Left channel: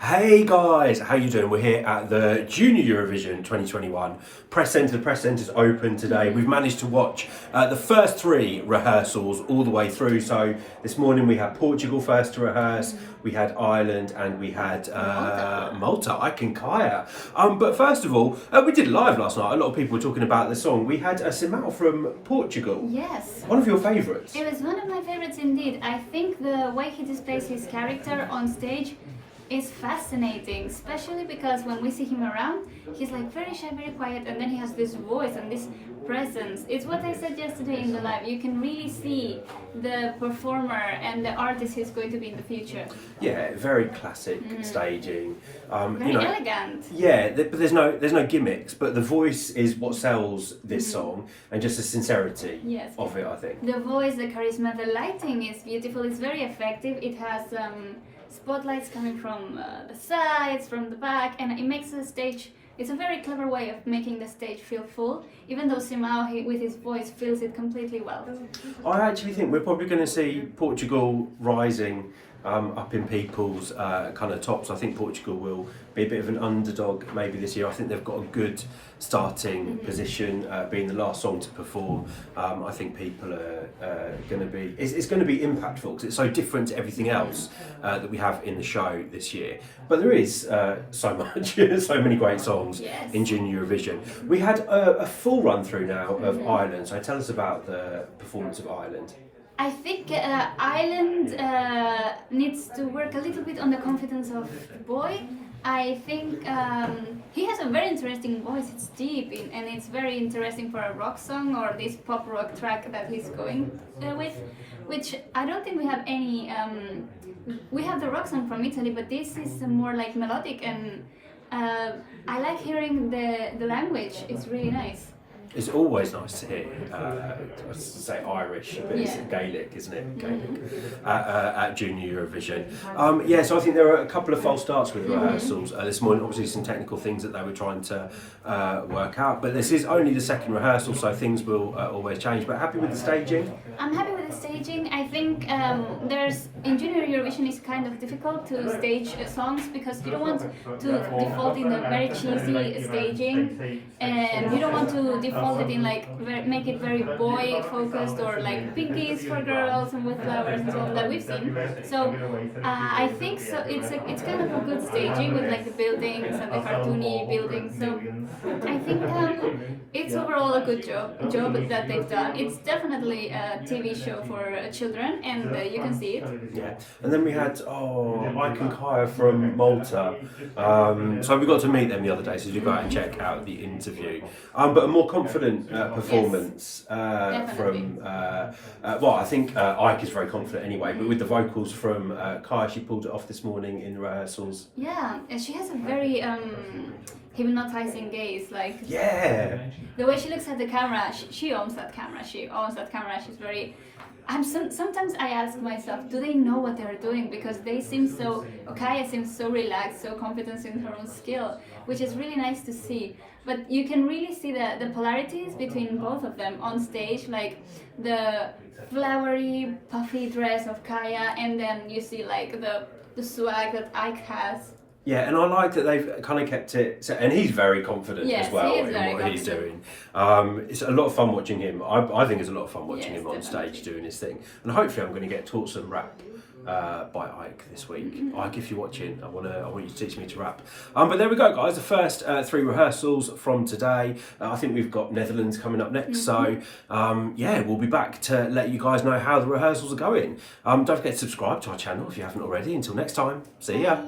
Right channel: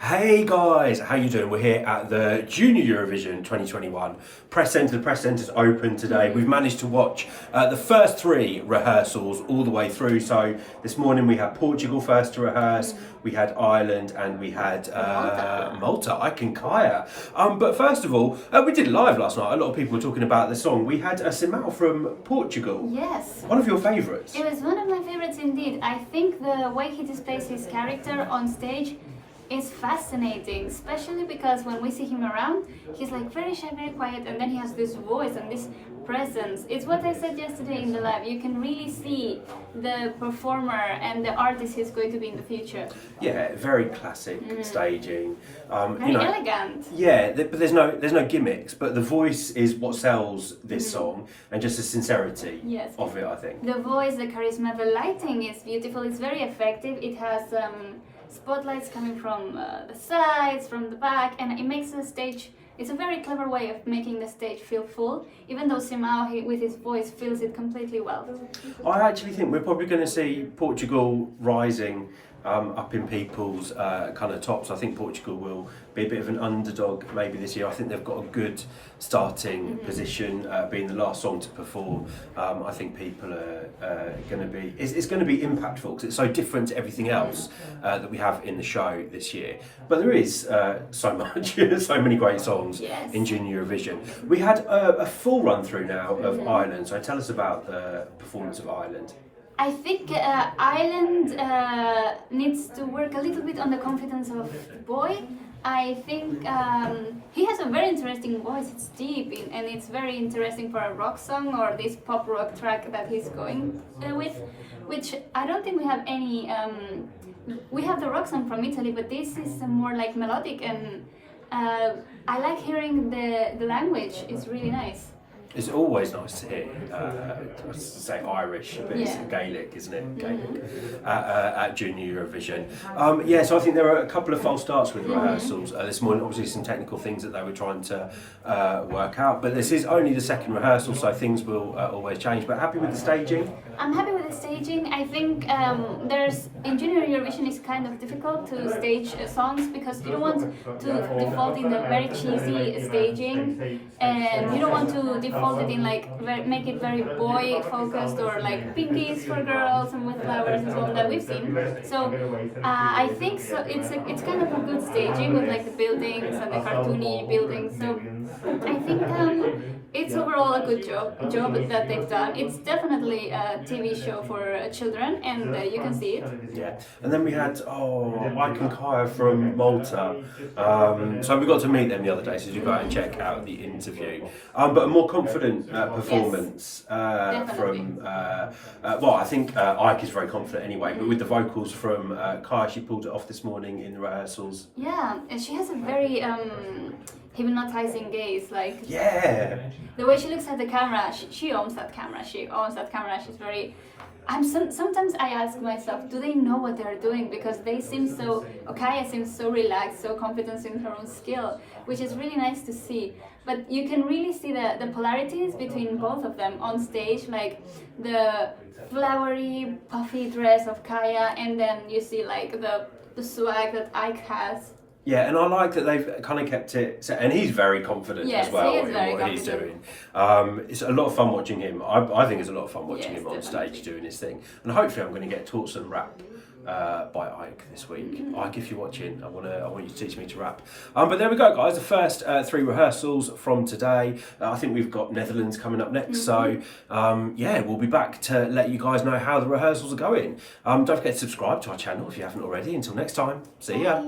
Hey guys, how you doing? We're here at the Junior Eurovision 2021 press centre. The press centre's open today. We've managed to watch the first three rehearsals all the way through. So this morning we had Portugal first to rehearse, we had Ireland, and we had Malta. I can Kajaia. But first of all, we did it live last night. A lot of people were talking about the song. We had a Simao from Portugal. Yes. One of your favourites. It was one of my favourites indeed. I think the way he displays his character on stage is fascinating, especially because when we see him around, he's like very shy, very quiet, and then he has this voice and this presence. It's what I said yesterday in the live. You can really see the performer and the artist he's going to be in the future. Yeah, very classic staging. Very elegant. Yeah, but there's no gimmicks. But the voice is what sells this song, and just the sincerity of it, I think. The voice, the charisma, the lighting is beautiful. It's very effective. It has spotlights coming from the sides, from the back, and it makes the stage. It's a very clever way of making the stage feel full, even though Simao, with his voice, fills it completely well. I actually think we're probably going to see Portugal rising up in people's kind of tops. I think Portugal will be a bit of an underdog maybe this year. I think they've got a good starting position, being the last song to perform. I think people are going to be, it's going to be impactful because it's so different to everything else that we have in the show this year. But there is so much, so many great songs in Junior Eurovision. We had a full run through now of Ireland, so tell us about the performance of Ireland. I think Ireland needs to work a little bit on the confidence of the boy. I think he has a very interesting voice. It's deep and it's very interesting for a rock song or this pop rock track that he's going with, which I don't think we have any. We have the rock song from Italy, but this is more like melodic, and I like hearing the language. It's really nice. It's always nice to hear, I was to say Irish, but it's Gaelic, isn't it? Gaelic at Junior Eurovision. So I think there are a couple of false starts with rehearsals this morning. Obviously, some technical things that they were trying to work out, but this is only the second rehearsal, so things will always change. But happy with the staging? I'm happy with the staging. I think in Junior Eurovision it's kind of difficult to stage songs because you don't want to default in a very cheesy staging, and you don't want to default it in make it very boy focused or like pinkies for girls and with flowers and so on that we've seen. So I think so. It's kind of a good staging with like the buildings and the cartoony buildings. So I think it's overall a good job that they've done. It's definitely a TV show for children, and you can see it. Yeah, and then we had I can Kajaia from Malta. So we got to meet them the other day, so you go out and check out the interview. But a more confident performance from I think Ike is very confident anyway, but with the vocals from Kajaia, she pulled it off this morning in the rehearsals. Yeah, and she has a very hypnotizing gaze, the way she looks at the camera. She owns that camera. She's very. Sometimes I ask myself, do they know what they're doing? Because they seem so. Kajaia seems so relaxed, so confident in her own skill, which is really nice to see. But you can really see the polarities between both of them on stage, like the flowery, puffy dress of Kajaia, and then you see like the swag that Ike has. Yeah, and I like that they've kind of kept it, and he's very confident as well in what he's doing. It's a lot of fun watching him. I think it's a lot of fun watching him on stage doing his thing. And hopefully I'm going to get taught some rap by Ike this week. Ike, if you're watching, I want you to teach me to rap. But there we go, guys. The first three rehearsals from today. I think we've got Netherlands coming up next. So we'll be back to let you guys know how the rehearsals are going. Don't forget to subscribe to our channel if you haven't already. Until next time, see ya.